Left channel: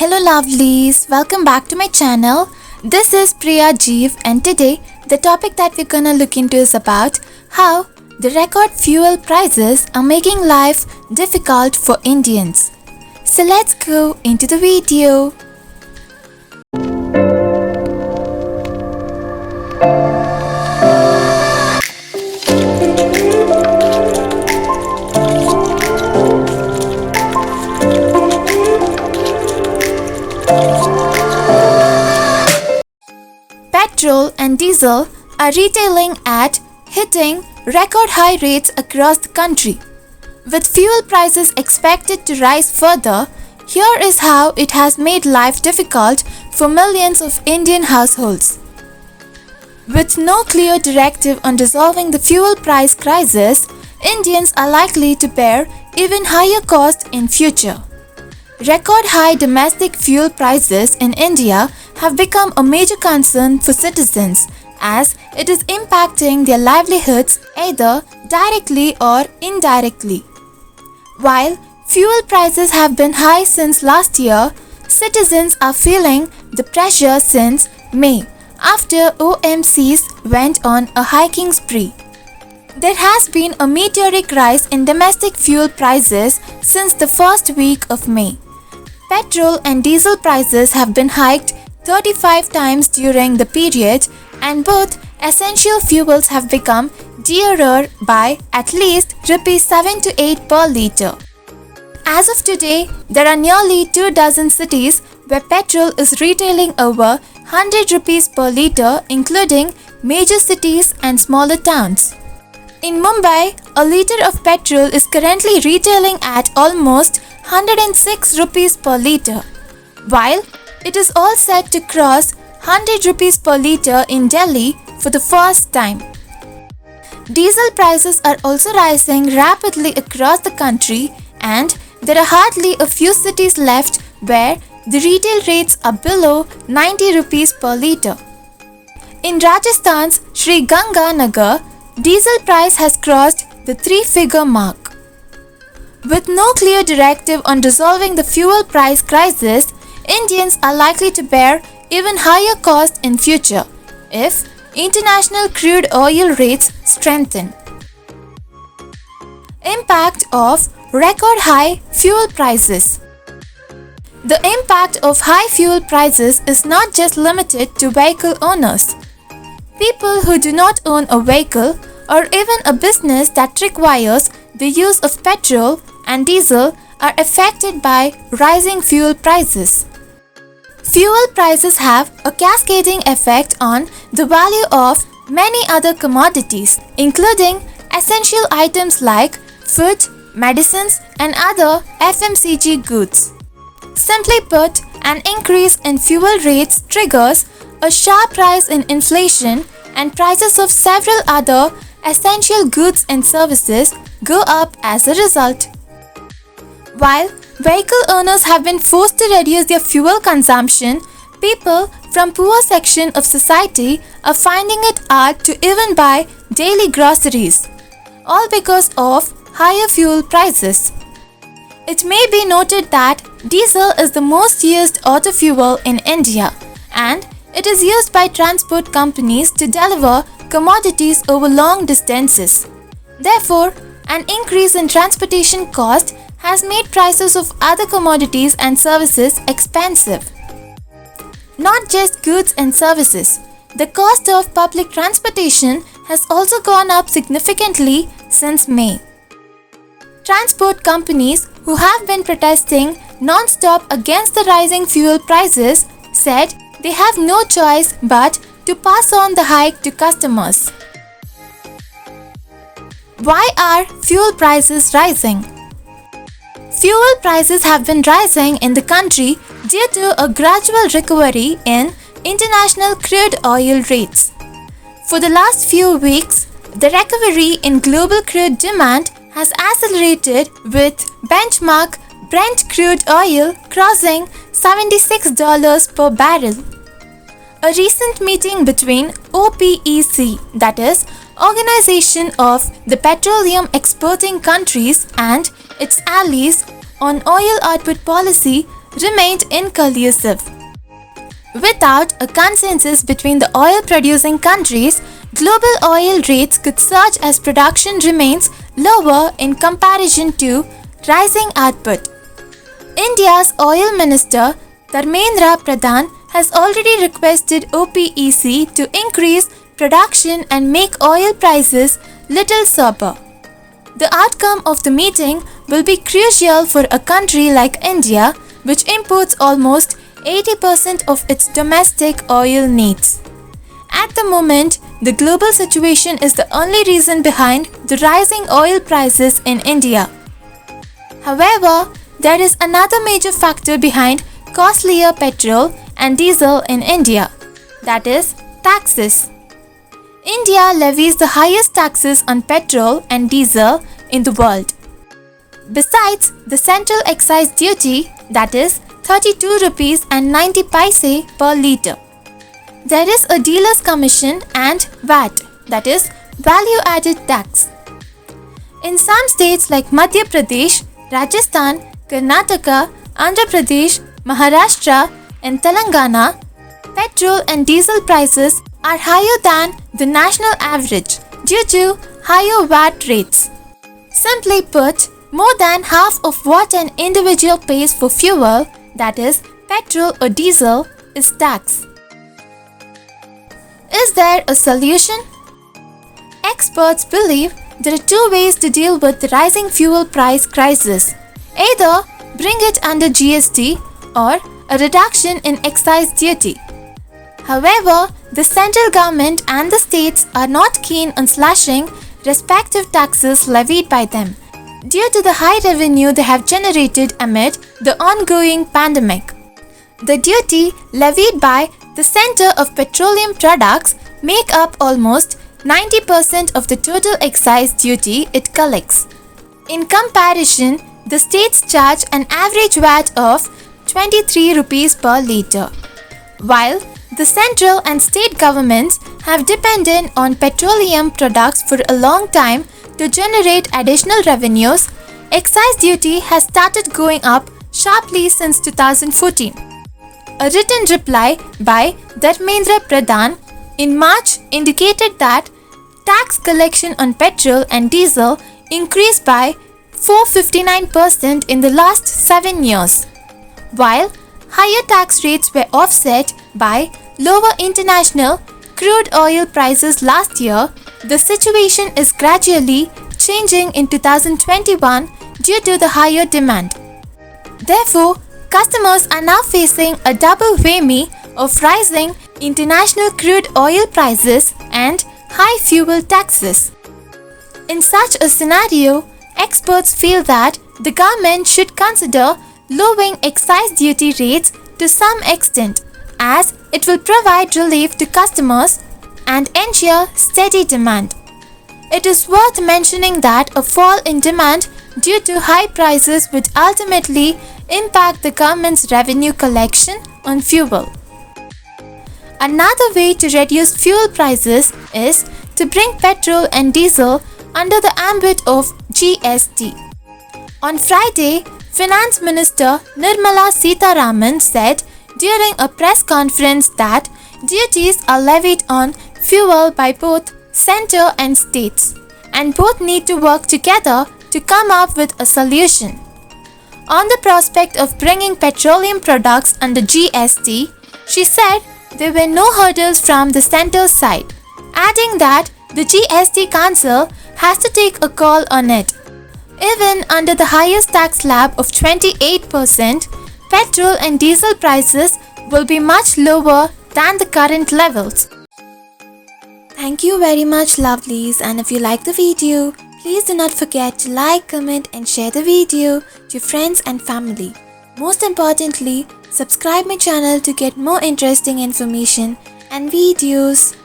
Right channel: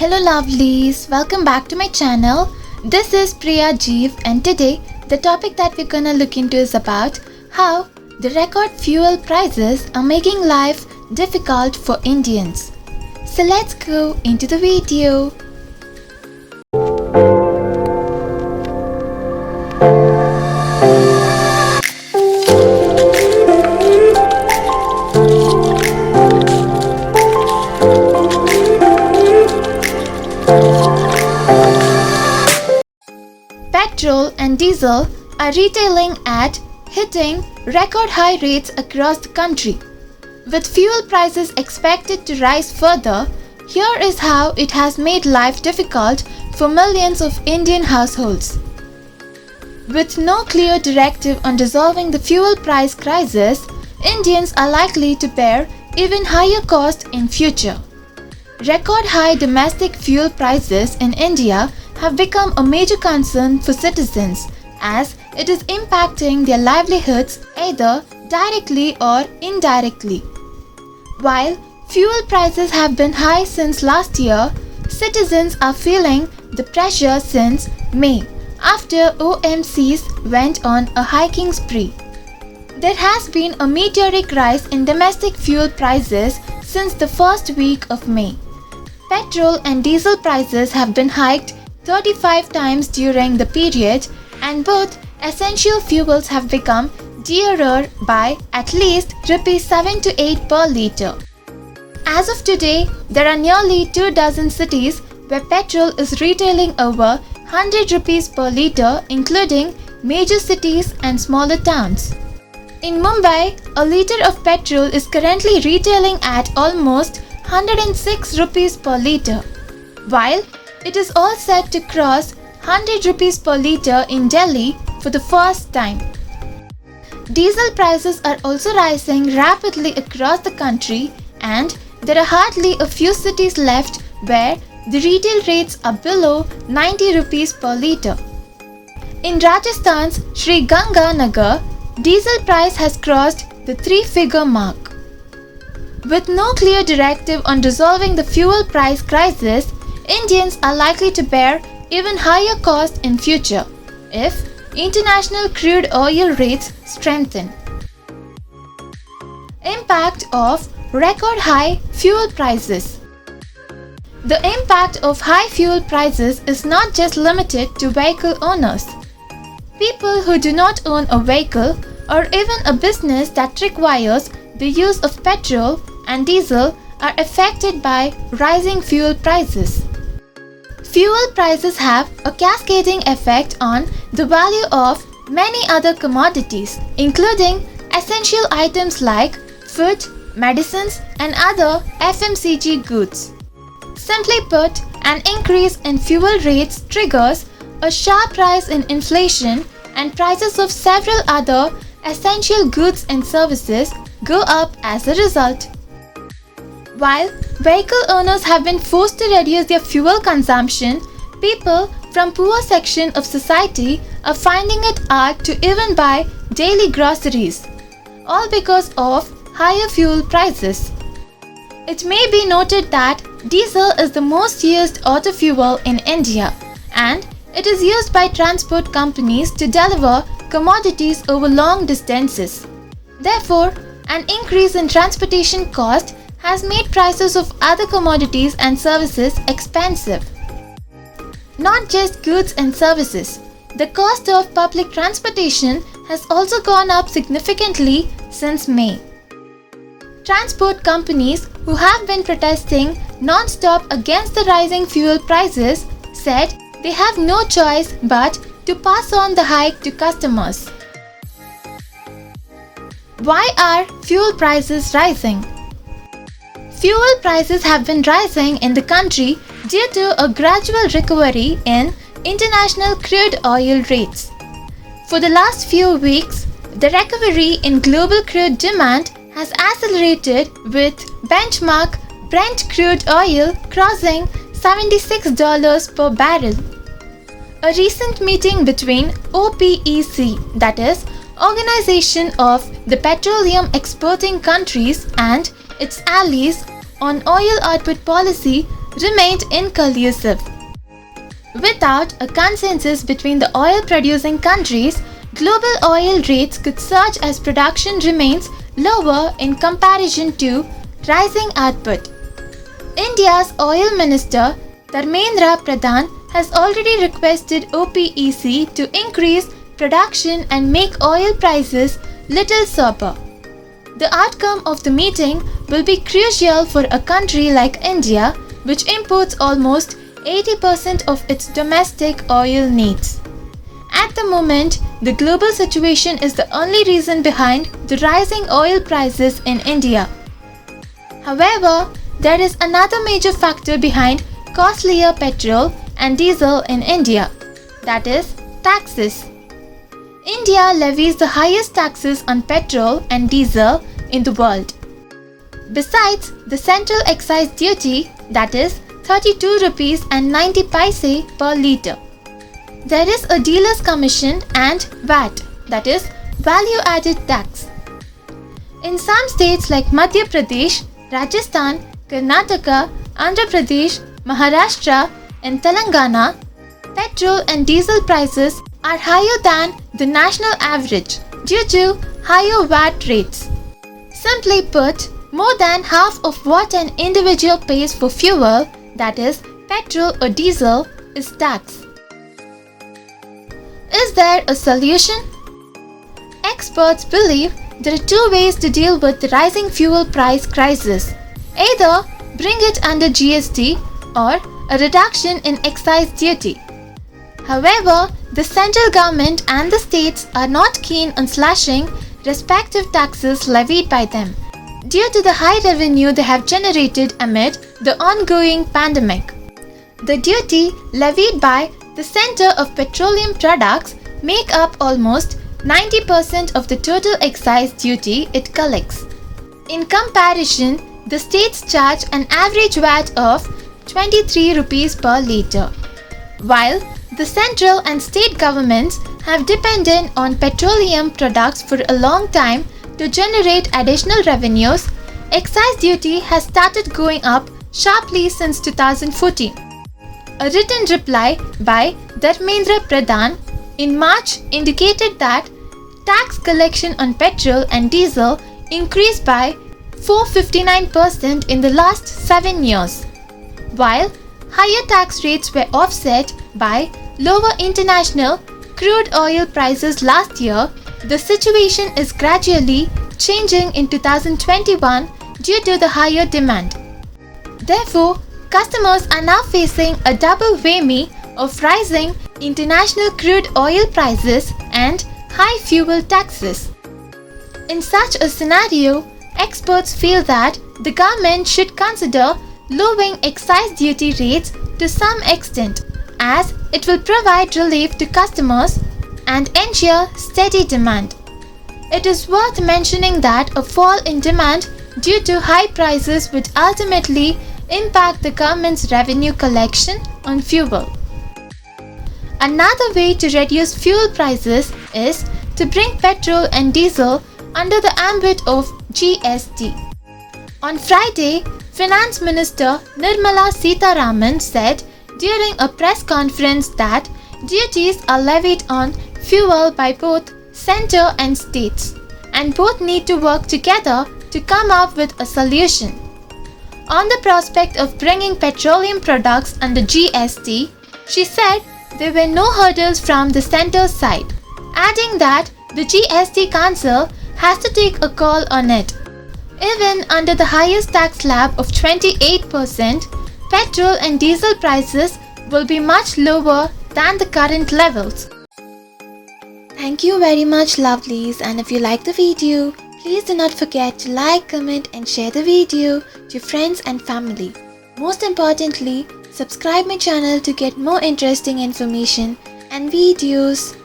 Hello lovelies, welcome back to my channel. This is Priya Jeev and today the topic that we're gonna look into is about how the record fuel prices are making life difficult for Indians. So let's go into the video. Petrol and diesel are retailing at hitting record high rates across the country. With fuel prices expected to rise further, here is how it has made life difficult for millions of Indian households. With no clear directive on resolving the fuel price crisis, Indians are likely to bear even higher costs in future. Record high domestic fuel prices in India have become a major concern for citizens as it is impacting their livelihoods either directly or indirectly. While fuel prices have been high since last year, citizens are feeling the pressure since May after OMCs went on a hiking spree. There has been a meteoric rise in domestic fuel prices since the first week of May. Petrol and diesel prices have been hiked 35 times during the period and both essential fuels have become dearer by at least Rs 7 to 8 per litre. As of today, there are nearly 24 cities where petrol is retailing over 100 rupees per litre, including major cities and smaller towns. In Mumbai, a litre of petrol is currently retailing at almost 106 rupees per litre, while it is all set to cross 100 rupees per litre in Delhi for the first time. Diesel prices are also rising rapidly across the country and there are hardly a few cities left where the retail rates are below 90 rupees per litre. In Rajasthan's Sri Ganga Nagar, diesel price has crossed the three-figure mark. With no clear directive on resolving the fuel price crisis, Indians are likely to bear even higher costs in future if international crude oil rates strengthen. Impact of record high fuel prices. The impact of high fuel prices is not just limited to vehicle owners. People who do not own a vehicle or even a business that requires the use of petrol and diesel are affected by rising fuel prices. Fuel prices have a cascading effect on the value of many other commodities, including essential items like food, medicines, and other FMCG goods. Simply put, an increase in fuel rates triggers a sharp rise in inflation and prices of several other essential goods and services go up as a result. While vehicle owners have been forced to reduce their fuel consumption, people from poor section of society are finding it hard to even buy daily groceries, all because of higher fuel prices. It may be noted that diesel is the most used auto fuel in India and it is used by transport companies to deliver commodities over long distances. Therefore, an increase in transportation cost has made prices of other commodities and services expensive. Not just goods and services, the cost of public transportation has also gone up significantly since May. Transport companies who have been protesting non-stop against the rising fuel prices said they have no choice but to pass on the hike to customers. Why are fuel prices rising? Fuel prices have been rising in the country due to a gradual recovery in international crude oil rates. For the last few weeks, the recovery in global crude demand has accelerated with benchmark Brent crude oil crossing $76 per barrel. A recent meeting between OPEC, that is, Organization of the Petroleum Exporting Countries, and its allies on oil output policy remained inconclusive. Without a consensus between the oil-producing countries, global oil rates could surge as production remains lower in comparison to rising output. India's Oil Minister Dharmendra Pradhan has already requested OPEC to increase production and make oil prices little sober. The outcome of the meeting will be crucial for a country like India, which imports almost 80% of its domestic oil needs. At the moment, the global situation is the only reason behind the rising oil prices in India. However, there is another major factor behind costlier petrol and diesel in India, that is, taxes. India levies the highest taxes on petrol and diesel in the world. Besides the central excise duty, that is 32 rupees and 90 paise per litre. There is a dealer's commission and VAT, that is value added tax. In some states like Madhya Pradesh, Rajasthan, Karnataka, Andhra Pradesh, Maharashtra and Telangana, petrol and diesel prices are higher than the national average due to higher VAT rates. Simply put, more than half of what an individual pays for fuel, that is petrol or diesel, is tax. Is there a solution? Experts believe there are two ways to deal with the rising fuel price crisis. Either bring it under GST or a reduction in excise duty. However, the central government and the states are not keen on slashing respective taxes levied by them due to the high revenue they have generated amid the ongoing pandemic. The duty levied by the Center of Petroleum Products make up almost 90% of the total excise duty it collects. In comparison, the states charge an average VAT of 23 rupees per litre. While the central and state governments have depended on petroleum products for a long time to generate additional revenues, excise duty has started going up sharply since 2014. A written reply by Dharmendra Pradhan in March indicated that tax collection on petrol and diesel increased by 459% in the last 7 years. While higher tax rates were offset by lower international crude oil prices last year, the situation is gradually changing in 2021 due to the higher demand. Therefore, customers are now facing a double whammy of rising international crude oil prices and high fuel taxes. In such a scenario, experts feel that the government should consider lowering excise duty rates to some extent, as it will provide relief to customers and ensure steady demand. It is worth mentioning that a fall in demand due to high prices would ultimately impact the government's revenue collection on fuel. Another way to reduce fuel prices is to bring petrol and diesel under the ambit of GST. On Friday, Finance Minister Nirmala Sitharaman said during a press conference that duties are levied on fuel by both centre and states, and both need to work together to come up with a solution. On the prospect of bringing petroleum products under GST, she said there were no hurdles from the centre's side, adding that the GST Council has to take a call on it. Even under the highest tax slab of 28%, petrol and diesel prices will be much lower than the current levels. Thank you very much, lovelies, and if you like the video, please do not forget to like, comment and share the video to friends and family. Most importantly, subscribe my channel to get more interesting information and videos.